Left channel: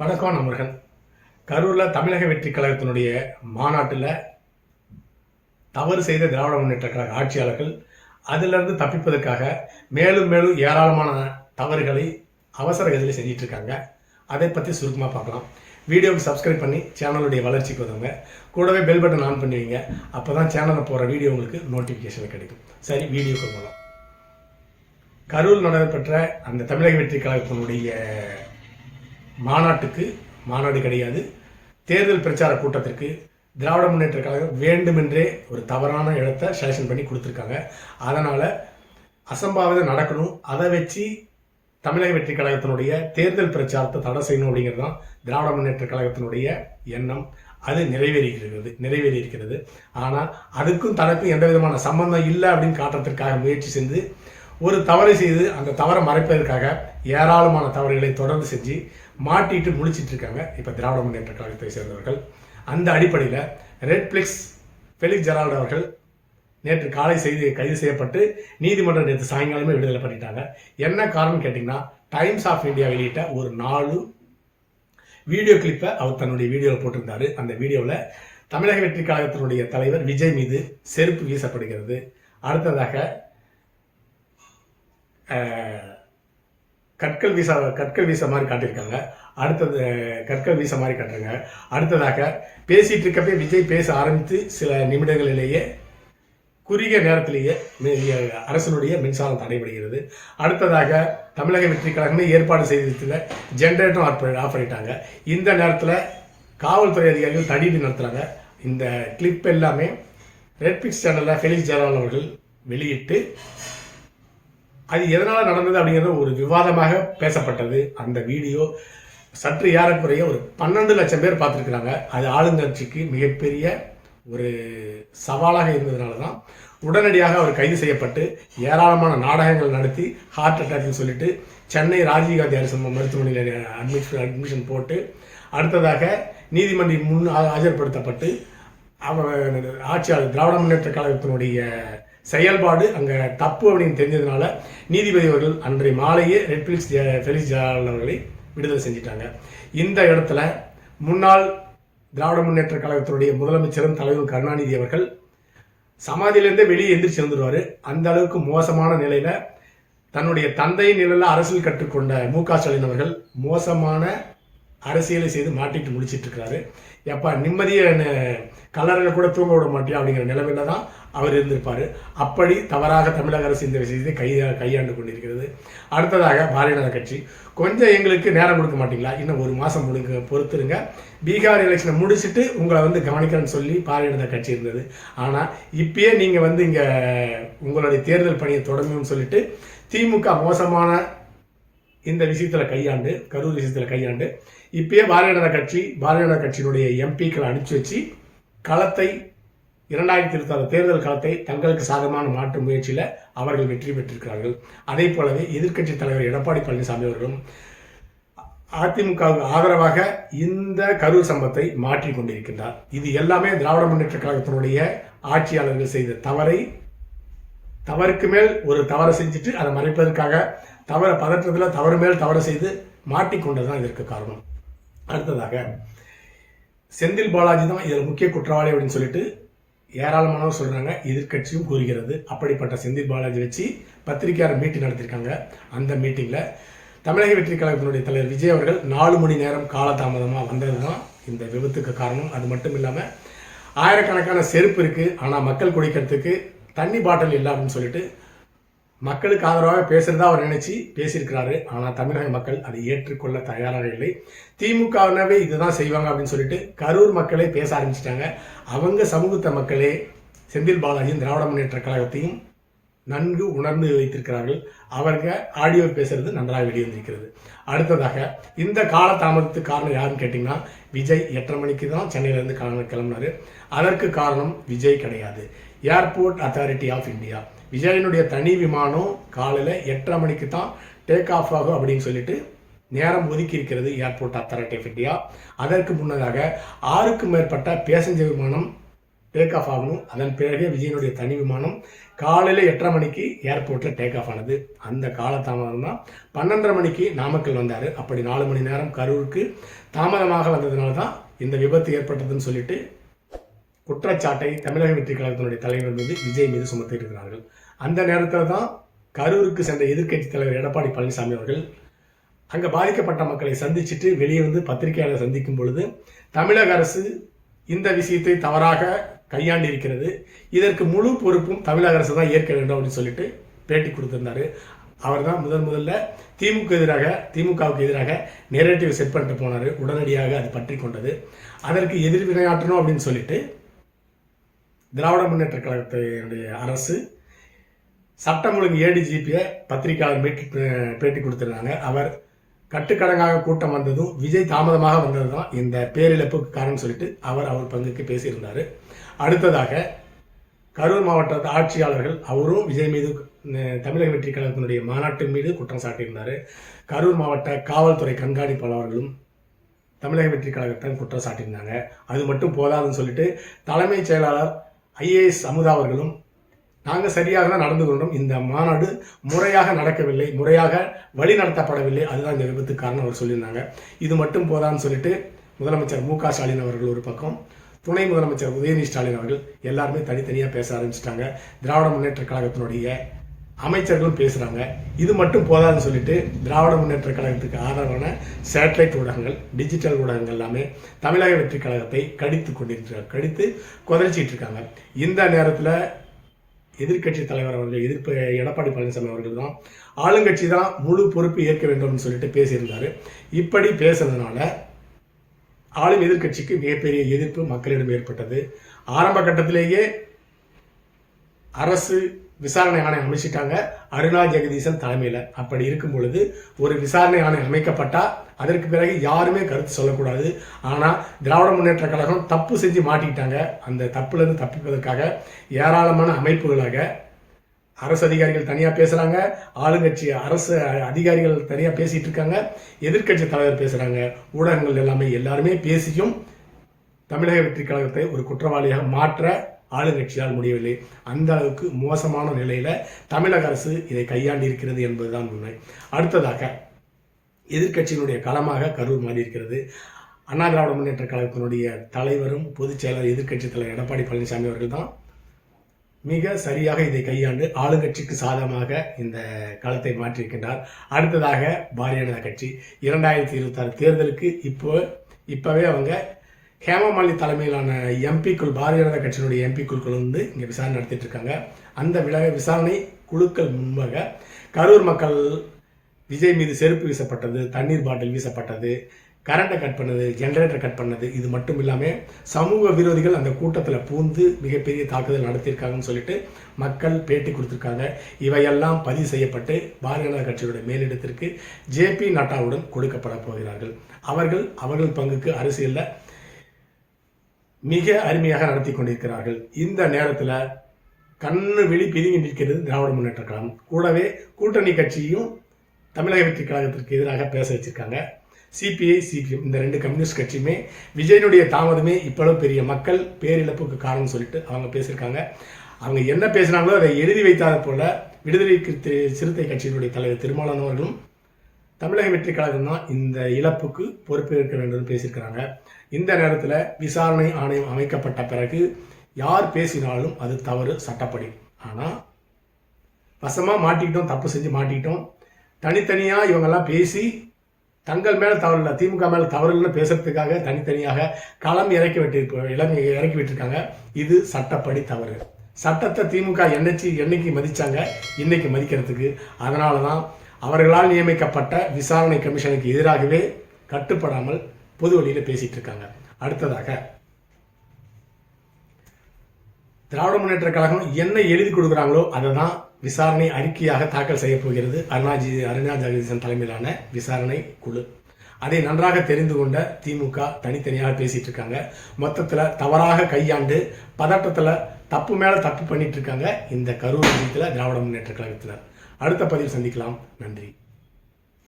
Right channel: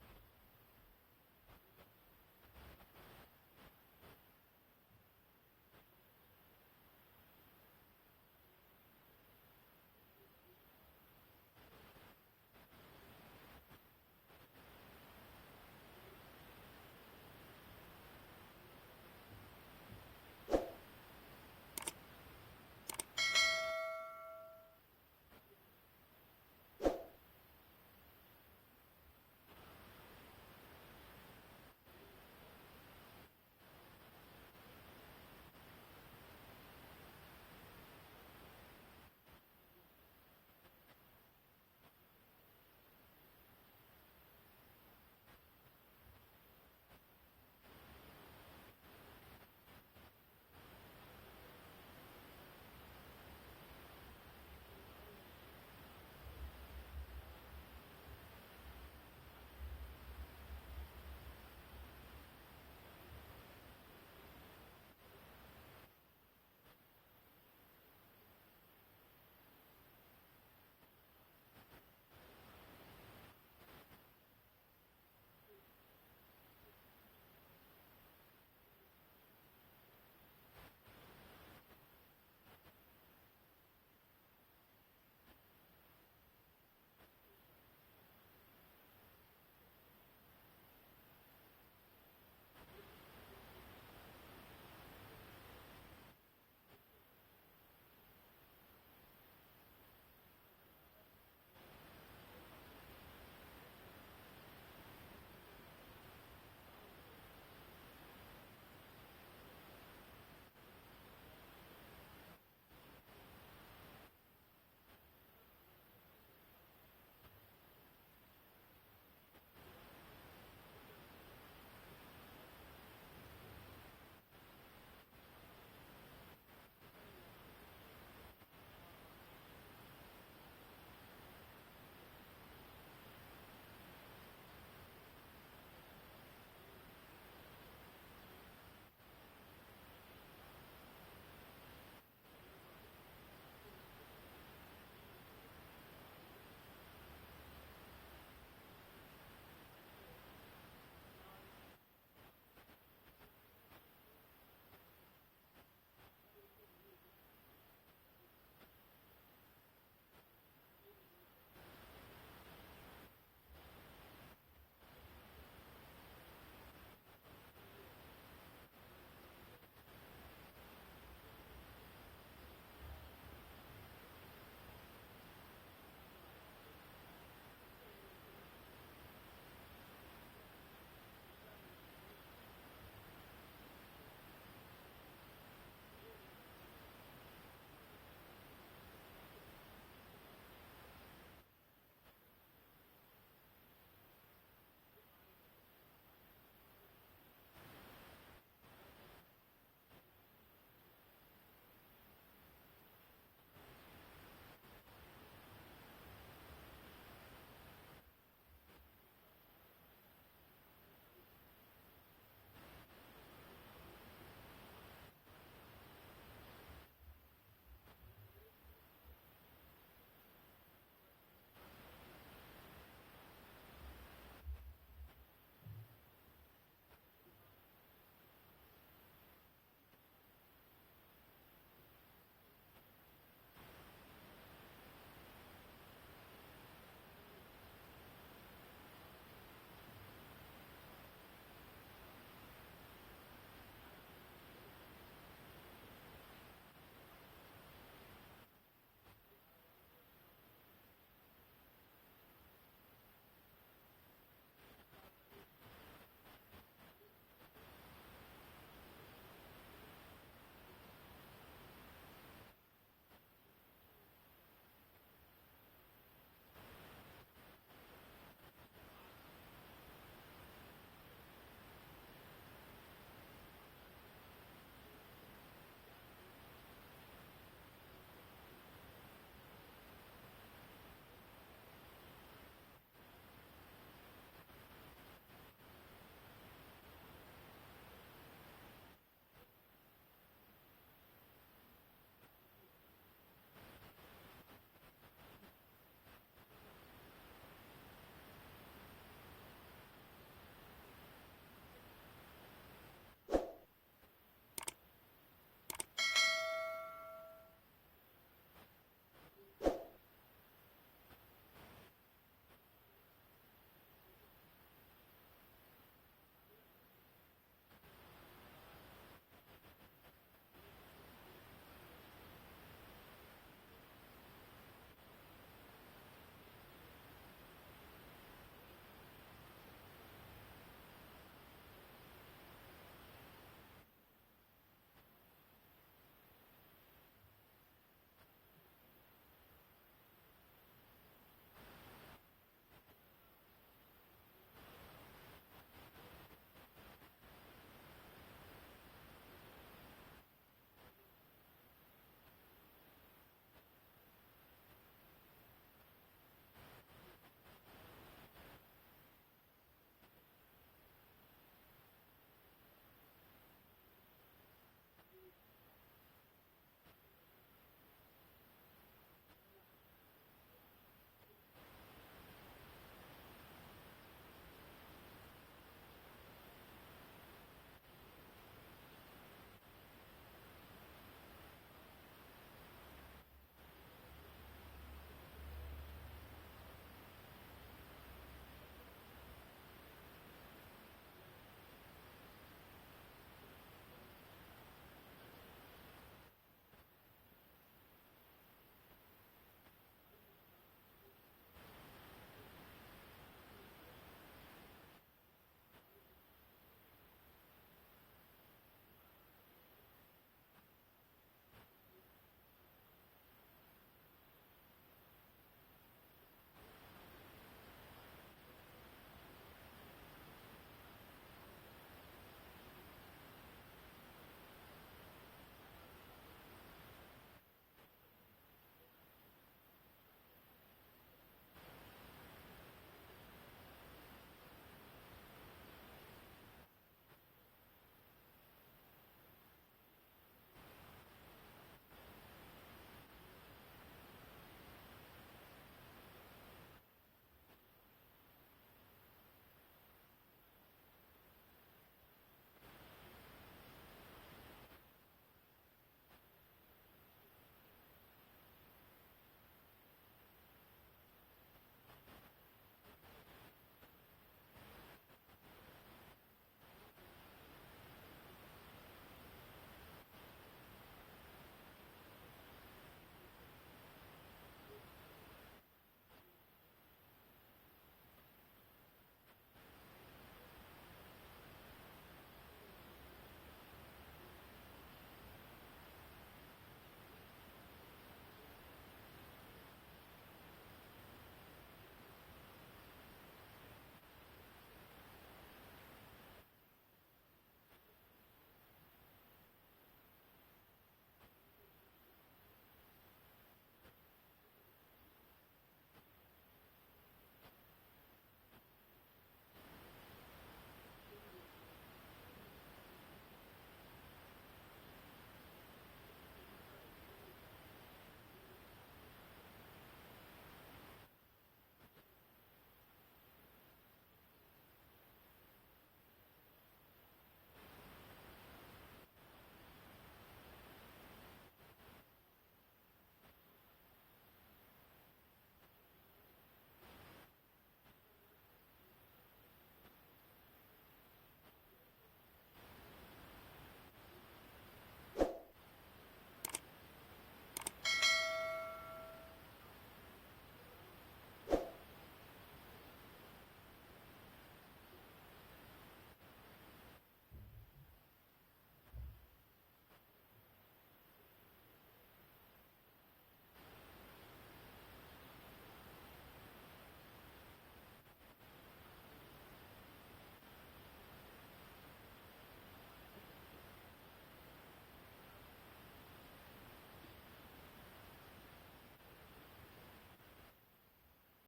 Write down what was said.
வணக்கம் நண்பர்கள். கரூரில் தமிழக வெற்றி கழகத்தினுடைய மாநாட்டில் தவறு செய்த திராவிட முன்னேற்ற கழக ஆட்சியாளர்கள் அதிலிருந்து தப்பிப்பதற்காக மேலும் மேலும் ஏராளமான தவறுகளை அவசர கதியில் செஞ்சிட்டு இருக்காங்க. அதை பற்றி சுருக்கமாக பார்க்கலாம். வீடியோவுக்கு சப்ஸ்கிரைப் பண்ணி சேனலுடைய வளர்ச்சிக்கு உதவுங்க. கூடவே பெல் பட்டன் ஆன் பண்ணுவீங்க. அப்போ தான் சேனலில் போகிற வீடியோ உங்களுக்கு நோட்டிஃபிகேஷன் கிடைக்கும். சரி, வீடியோக்கு போகலாம். கரூர் நடைபெற்ற அந்த தமிழக வெற்றி கழகத்தினுடைய மாநாடு கிடையாது, தேர்தல் பிரச்சார கூட்டத்திற்கு திராவிட முன்னேற்ற கழகம் வேண்டுமென்றே ஒரு தவறான இடத்தை செலக்ஷன் பண்ணி கொடுத்துருக்காங்க. அதனால் அசம்பாவிதம் நடக்கணும், அதை வச்சு தமிழக வெற்றி கழகத்தினுடைய தேர்தல் பிரச்சாரத்தை தடை செய்யணும் அப்படிங்கிறது தான் திராவிட முன்னேற்ற கழகத்தினுடைய எண்ணம். அது நிறைவேறி இருக்கிறது. ஆனால் அதுக்கும் தனக்கும் எந்த விதமான சம்பந்தம் இல்லை அப்படின்னு காட்டுறதுக்காக முயற்சி செஞ்சு ஒரு தவறை செய்து அந்த தவறை மறைப்பதற்காக ஏராளமான தவறுகளை தொடர்ந்து செஞ்சு மாட்டிட்டு முழிச்சிட்டு இருக்காங்க இப்போ திராவிட முன்னேற்ற கழகத்தை சேர்ந்தவர்கள். அந்த அடிப்படையில் ரெட்ஃப்ளிக்ஸ் ஃபெலிக்ஸ் ஜெரால்டு அவர்கள் நேற்று காலை கைது செய்யப்பட்டு நீதிமன்றம் நேற்று சாயங்காலமே விடுதலை பண்ணிட்டாங்க. என்ன காரணம் கேட்டிங்கன்னா, டைம்ஸ் ஆஃப் இந்தியா வெளியிட்ட ஒரு 4 வீடியோ கிளிப்பை அவர் தன்னுடைய வீடியோவில் போட்டிருந்தார். அந்த வீடியோவில் தமிழக வெற்றி கழகத்தினுடைய தலைவர் விஜய் மீது செருப்பு வீசப்படுகிறது. அடுத்ததாக கற்கள் வீச மாதிரி காட்டியிருக்காங்க. அடுத்ததாக பேசிட்டு இருக்கப்பே விஜய் பேச ஆரம்பித்து சில நிமிடங்களிலேயே குறுகிய நேரத்திலேயே அரசனுடைய மின்சாரம் தடைபடுகிறது. அடுத்ததாக தமிழக வெற்றி கழகமே ஏற்பாடு செய்திருந்த ஜென்ரேட்டரும் ஆஃப் பண்ணிட்டாங்க. இந்த நேரத்தில் காவல்துறை அதிகாரிகள் தடியடி நடத்துகிறாங்க. இந்த கிளிப் எல்லாமே ரெட்ஃப்ளிக்ஸ் சேனலில் ஃபெலிக்ஸ் ஜெரால்டு அவர்கள் வெளியிட்டு அது எதனால் நடந்தது அப்படிங்கிறது ஒரு விவாதமாக பேசப்பட்டது. அந்த வீடியோ சற்று ஏறக்குறைய ஒரு 12 லட்சம் பேர் பார்த்துருக்குறாங்க. அது ஆளுங்கட்சிக்கு மிகப்பெரிய ஒரு சவாலாக இருந்ததுனால தான் உடனடியாக அவர் கைது செய்யப்பட்டு ஏராளமான நாடகங்கள் நடத்தி ஹார்ட் அட்டாக்னு சொல்லிட்டு சென்னை ராஜீவ்காந்தி அரசு மருத்துவமனையில் அட்மிஷன் போட்டு அடுத்ததாக நீதிமன்றம் முன் ஆஜர்படுத்தப்பட்டு ஆட்சியாளர் திராவிட முன்னேற்ற கழகத்தினுடைய செயல்பாடு அங்கே தப்பு அப்படின்னு தெரிஞ்சதுனால நீதிபதி அவர்கள் அன்றைய மாலையே ரெட்ஃப்ளிக்ஸ் ஃபெலிக்ஸ் ஜெரால்டு அவர்களை விடுதலை செஞ்சிட்டாங்க. இந்த இடத்துல முன்னாள் திராவிட முன்னேற்ற கழகத்தினுடைய முதலமைச்சரும் தலைவர் கருணாநிதி அவர்கள் சமாதியிலேருந்தே வெளியே எந்திரிச்சு வந்துடுவார். அந்த அளவுக்கு மோசமான நிலையில் தன்னுடைய தந்தையின் நிலையில் அரசியல் கற்றுக்கொண்ட மு.க.ஸ்டாலின் அவர்கள் மோசமான அரசியலை செய்து மாட்டிட்டு முடிச்சிட்டு இருக்கிறாரு. எப்பா நிம்மதியை கல்லறையில் கூட தூங்க விட மாட்டியா அப்படிங்கிற நிலைமையில தான் அவர் இருந்திருப்பார். அப்படி தவறாக தமிழக அரசு இந்த விஷயத்தை கையாண்டு கொண்டிருக்கிறது. அடுத்ததாக பாரதிய ஜனதா கட்சி கொஞ்சம் எங்களுக்கு நேரம் கொடுக்க மாட்டீங்களா, இன்னும் 1 மாதம் பொறுத்துருங்க, பீகார் எலெக்ஷனை முடிச்சுட்டு உங்களை கவனிக்கிறேன்னு சொல்லி பாரதிய ஜனதா கட்சி இருந்தது. ஆனால் இப்பயே நீங்கள் இங்கே உங்களுடைய தேர்தல் பணியை தொடங்கணும்னு சொல்லிட்டு திமுக மோசமான இந்த விஷயத்தில் கரூர் விஷயத்தில் கையாண்டு இப்பயே பாரதிய ஜனதா கட்சியினுடைய எம்பிக்களை அனுப்பிச்சு வச்சு களத்தை 2026 தேர்தல் களத்தை தங்களுக்கு சாதகமான மாற்று முயற்சியில் அவர்கள் வெற்றி பெற்றிருக்கிறார்கள். அதே போலவே எதிர்க்கட்சி தலைவர் எடப்பாடி பழனிசாமி அவர்களும் அதிமுகவுக்கு ஆதரவாக இந்த கரூர் சம்பவத்தை மாற்றி கொண்டிருக்கின்றார். இது எல்லாமே திராவிட முன்னேற்ற கழகத்தினுடைய ஆட்சியாளர்கள் செய்த தவறுக்கு மேல் ஒரு தவறை செஞ்சுட்டு அதை மறைப்பதற்காக பதற்றத்தில் தவறு மேல் தவறு செய்து மாட்டிக்கொண்டதுதான் இதற்கு காரணம். அடுத்ததாக செந்தில் பாலாஜி தான் இதில் முக்கிய குற்றவாளி அப்படின்னு சொல்லிட்டு ஏராளமானவர் சொல்கிறாங்க, எதிர்கட்சியும் கூறுகிறது. அப்படிப்பட்ட செந்தில் பாலாஜி வச்சு பத்திரிகையாளர் மீட்டிங் நடத்தியிருக்காங்க. அந்த மீட்டிங்கில் தமிழக வெற்றி கழகத்தினுடைய தலைவர் விஜய் அவர்கள் 4 மணி நேரம் காலதாமதமாக வந்தது தான் இந்த விபத்துக்கு காரணம். அது மட்டும் இல்லாமல் ஆயிரக்கணக்கான செருப்பு இருக்குது, ஆனால் மக்கள் குடிக்கிறதுக்கு தண்ணி பாட்டில் இல்லை அப்படின்னு சொல்லிட்டு மக்களுக்கு ஆதரவாக பேசுகிறதா அவர் நினைச்சு பேசியிருக்கிறாரு. ஆனால் தமிழக மக்கள் அதை ஏற்றுக்கொள்ள தயாராக இல்லை. திமுகவினவே இதுதான் செய்வாங்க அப்படின்னு சொல்லிட்டு கரூர் மக்களே பேச ஆரம்பிச்சிட்டாங்க. அவங்க சமூகத்த மக்களே செந்தில் பாலாஜியும் திராவிட முன்னேற்ற கழகத்தையும் நன்கு உணர்ந்து வைத்திருக்கிறார்கள். அவங்க ஆடியோ பேசுறது நன்றாக வெளிவந்திருக்கிறது. அடுத்ததாக இந்த கால தாமதத்துக்கு காரணம் யாருன்னு கேட்டிங்கன்னா, விஜய் 8:30 மணிக்கு தான் சென்னையிலேருந்து கிளம்பினார். அதற்கு காரணம் விஜய் கிடையாது, ஏர்போர்ட் அத்தாரிட்டி ஆஃப் இந்தியா. விஜயனுடைய தனி விமானம் காலையில் 8:30 மணிக்கு தான் டேக் ஆஃப் ஆகும் அப்படின்னு சொல்லிட்டு நேரம் ஒதுக்கி இருக்கிறது ஏர்போர்ட் அத்தாரிட்டி ஆஃப் இந்தியா. அதற்கு முன்னதாக 6க்கும் மேற்பட்ட பேசஞ்சர் விமானம் டேக் ஆஃப் ஆகணும். அதன் பிறகு விஜயனுடைய தனி விமானம் காலையில் 8:30 மணிக்கு ஏர்போர்ட்டில் டேக் ஆஃப் ஆனது. அந்த காலதாமதம் தான் 12:30 மணிக்கு நாமக்கல் வந்தார். அப்படி 4 மணி நேரம் கரூருக்கு தாமதமாக வந்ததுனால தான் இந்த விபத்து ஏற்பட்டதுன்னு சொல்லிட்டு குற்றச்சாட்டை தமிழக வெற்றி கழகத்தினுடைய தலைவர் மீது விஜய் மீது சுமத்தியிருக்கிறார்கள். அந்த நேரத்தில் தான் கரூருக்கு சென்ற எதிர்க்கட்சி தலைவர் எடப்பாடி பழனிசாமி அவர்கள் அங்கே பாதிக்கப்பட்ட மக்களை சந்திச்சுட்டு வெளியே வந்து பத்திரிகையாளர் சந்திக்கும் பொழுது தமிழக அரசு இந்த விஷயத்தை தவறாக கையாண்டு இருக்கிறது, இதற்கு முழு பொறுப்பும் தமிழக அரசு தான் ஏற்க வேண்டும் அப்படின்னு சொல்லிட்டு பேட்டி கொடுத்திருந்தாரு. அவர் தான் முதல்ல திமுகவுக்கு எதிராக நெரேட்டிவ் செட் பண்ணிட்டு போனார். உடனடியாக அது பற்றி கொண்டது. அதற்கு எதிர்வினையாற்றணும் அப்படின்னு சொல்லிட்டு திராவிட முன்னேற்ற கழகத்தினுடைய அரசு சட்டம் ஒழுங்கு ஏடிஜிபியை பத்திரிகையாளர் பேட்டி கொடுத்துருந்தாங்க. அவர் கட்டுக்கடங்காக கூட்டம் வந்ததும் விஜய் தாமதமாக வந்தது தான் இந்த பேரிழப்புக்கு காரணம் சொல்லிட்டு அவர் பங்குக்கு பேசியிருந்தார். அடுத்ததாக கரூர் மாவட்ட ஆட்சியாளர்கள் அவரும் விஜய் மீது தமிழக வெற்றி கழகத்தினுடைய மாநாட்டின் மீது குற்றம் சாட்டியிருந்தார். கரூர் மாவட்ட காவல்துறை கண்காணிப்பாளர்களும் தமிழக வெற்றி கழகத்தை குற்றம் சாட்டியிருந்தாங்க. அது மட்டும் போதாதுன்னு சொல்லிட்டு தலைமைச் செயலாளர் IAS அமுதா அவர்களும் நாங்கள் சரியாக தான் நடந்து கொண்டோம், இந்த மாநாடு முறையாக நடக்கவில்லை, முறையாக வழி நடத்தப்படவில்லை, அதுதான் இந்த விபத்துக்கு காரணம் அவர் சொல்லியிருந்தாங்க. இது மட்டும் போதான்னு சொல்லிட்டு முதலமைச்சர் MK ஸ்டாலின் அவர்கள் ஒரு பக்கம், துணை முதலமைச்சர் உதயநிதி ஸ்டாலின் அவர்கள் எல்லாருமே தனித்தனியாக பேச ஆரம்பிச்சிட்டாங்க. திராவிட முன்னேற்ற கழகத்தினுடைய அமைச்சர்களும் பேசுகிறாங்க. இது மட்டும் போதாதுன்னு சொல்லிட்டு திராவிட முன்னேற்ற கழகத்துக்கு ஆதரவான சேட்டலைட் ஊடகங்கள், டிஜிட்டல் ஊடகங்கள் எல்லாமே தமிழக வெற்றி கழகத்தை கடித்து கொதறிச்சிட்டு இருக்காங்க. இந்த நேரத்தில் எதிர்க்கட்சி தலைவர் அவர்கள் எடப்பாடி பழனிசாமி அவர்கள் தான் ஆளுங்கட்சி தான் முழு பொறுப்பு ஏற்க வேண்டும்னு சொல்லிட்டு பேசியிருந்தார். இப்படி பேசுறதுனால ஆளும் எதிர்க்கட்சிக்கு மிகப்பெரிய எதிர்ப்பு மக்களிடம் ஏற்பட்டது. ஆரம்ப கட்டத்திலேயே அரசு விசாரணை ஆணையம் அமைச்சிட்டாங்க அருணா ஜெகதீசன் தலைமையில். அப்படி இருக்கும் பொழுது ஒரு விசாரணை ஆணையம் அமைக்கப்பட்டால் அதற்கு பிறகு யாருமே கருத்து சொல்லக்கூடாது. ஆனால் திராவிட முன்னேற்ற கழகம் தப்பு செஞ்சு மாட்டிக்கிட்டாங்க. அந்த தப்புலேருந்து தப்பிப்பதற்காக ஏராளமான அமைப்புகளாக அரசு அதிகாரிகள் தனியாக பேசுகிறாங்க, ஆளுங்கட்சி அரசு அதிகாரிகள் தனியாக பேசிகிட்டு இருக்காங்க, எதிர்க்கட்சி தலைவர் பேசுகிறாங்க, ஊடகங்கள் எல்லாருமே பேசியும் தமிழக வெற்றி கழகத்தை ஒரு குற்றவாளியாக மாற்ற ஆளுங்கட்சியால் முடியவில்லை. அந்த அளவுக்கு மோசமான நிலையில் தமிழக அரசு இதை கையாண்டு இருக்கிறது என்பதுதான் உண்மை. அடுத்ததாக எதிர்க்கட்சியினுடைய களமாக கரூர் மாறி இருக்கிறது. அண்ணா திராவிட முன்னேற்ற கழகத்தினுடைய தலைவரும் பொதுச் செயலர் எதிர்க்கட்சி தலைவர் எடப்பாடி பழனிசாமி அவர்கள் தான் மிக சரியாக இதை கையாண்டு ஆளுங்கட்சிக்கு சாதகமாக இந்த களத்தை மாற்றியிருக்கின்றார். அடுத்ததாக பாரதிய ஜனதா கட்சி 2026 தேர்தலுக்கு இப்போவே அவங்க ஹேமமாலினி தலைமையிலான எம்பிக்குள் பாரதிய ஜனதா கட்சியினுடைய எம்பிக்குள்கள் வந்து இங்கே விசாரணை நடத்திட்டு இருக்காங்க. அந்த விசாரணை குழுக்கள் முன்பாக கரூர் மக்கள் விஜய் மீது செருப்பு வீசப்பட்டது, தண்ணீர் பாட்டில் வீசப்பட்டது, கரண்ட்டை கட் பண்ணது, ஜென்ரேட்டர் கட் பண்ணது, இது மட்டும் இல்லாமல் சமூக விரோதிகள் அந்த கூட்டத்தில் பூந்து மிகப்பெரிய தாக்குதல் நடத்தியிருக்காங்கன்னு சொல்லிட்டு மக்கள் பேட்டி கொடுத்துருக்காங்க. இவையெல்லாம் பதிவு செய்யப்பட்டு பாரதிய ஜனதா கட்சியுடைய மேலிடத்திற்கு JP நட்டாவுடன் கொடுக்கப்பட போகிறார்கள். அவர்கள் பங்குக்கு அரசியலில் மிக அருமையாக நடத்தி கொண்டிருக்கிறார்கள். இந்த நேரத்தில் கண்ணு வெளி பிதுங்கி நிற்கிறது திராவிட முன்னேற்ற கழகம். கூடவே கூட்டணி கட்சியும் தமிழக வெற்றி கழகத்திற்கு எதிராக பேச வச்சிருக்காங்க. CPI CPM இந்த 2 கம்யூனிஸ்ட் கட்சியுமே விஜயனுடைய தாமதமே இவ்வளவு பெரிய மக்கள் பேரிழப்புக்கு காரணம் சொல்லிட்டு அவங்க பேசியிருக்காங்க. அவங்க என்ன பேசினாங்களோ அதை எழுதி வைத்தாத போல விடுதலை சிறுத்தை கட்சியினுடைய தலைவர் திருமாவளவன் அவர்களும் தமிழக வெற்றி கழகம் தான் இந்த இழப்புக்கு பொறுப்பேற்க வேண்டும் பேசியிருக்கிறாங்க. இந்த நேரத்தில் விசாரணை ஆணையம் அமைக்கப்பட்ட பிறகு யார் பேசினாலும் அது தவறு சட்டப்படி. ஆனால் வசமாக மாட்டிக்கிட்டோம், தப்பு செஞ்சு மாட்டிக்கிட்டோம், தனித்தனியாக இவங்கெல்லாம் பேசி தங்கள் மேலே தவறு இல்லை, திமுக மேலே தவறு இல்லைன்னு பேசுறதுக்காக தனித்தனியாக களம் இறக்கி விட்டுருக்காங்க. இது சட்டப்படி தவறு. சட்டத்தை திமுக என்னைக்கு மதித்தாங்க, இன்னைக்கு மதிக்கிறதுக்கு. அதனால தான் அவர்களால் நியமிக்கப்பட்ட விசாரணை கமிஷனுக்கு எதிராகவே கட்டுப்படாமல் பொது வழியில் பேசிட்டு இருக்காங்க. அடுத்ததாக திராவிட முன்னேற்ற கழகம் என்ன எழுதி கொடுக்குறாங்களோ அதை தான் விசாரணை அறிக்கையாக தாக்கல் செய்ய போகிறது அருணா ஜெகதீசன் தலைமையிலான விசாரணை குழு. அதை நன்றாக தெரிந்து கொண்ட திமுக தனித்தனியாக பேசிட்டு இருக்காங்க. மொத்தத்தில் தவறாக கையாண்டு பதட்டத்தில் தப்பு மேலே தப்பு பண்ணிட்டு இருக்காங்க இந்த கரூர் விஷயத்தில் திராவிட முன்னேற்ற கழகத்தினர். அடுத்த பதிவு சந்திக்கலாம். நன்றி.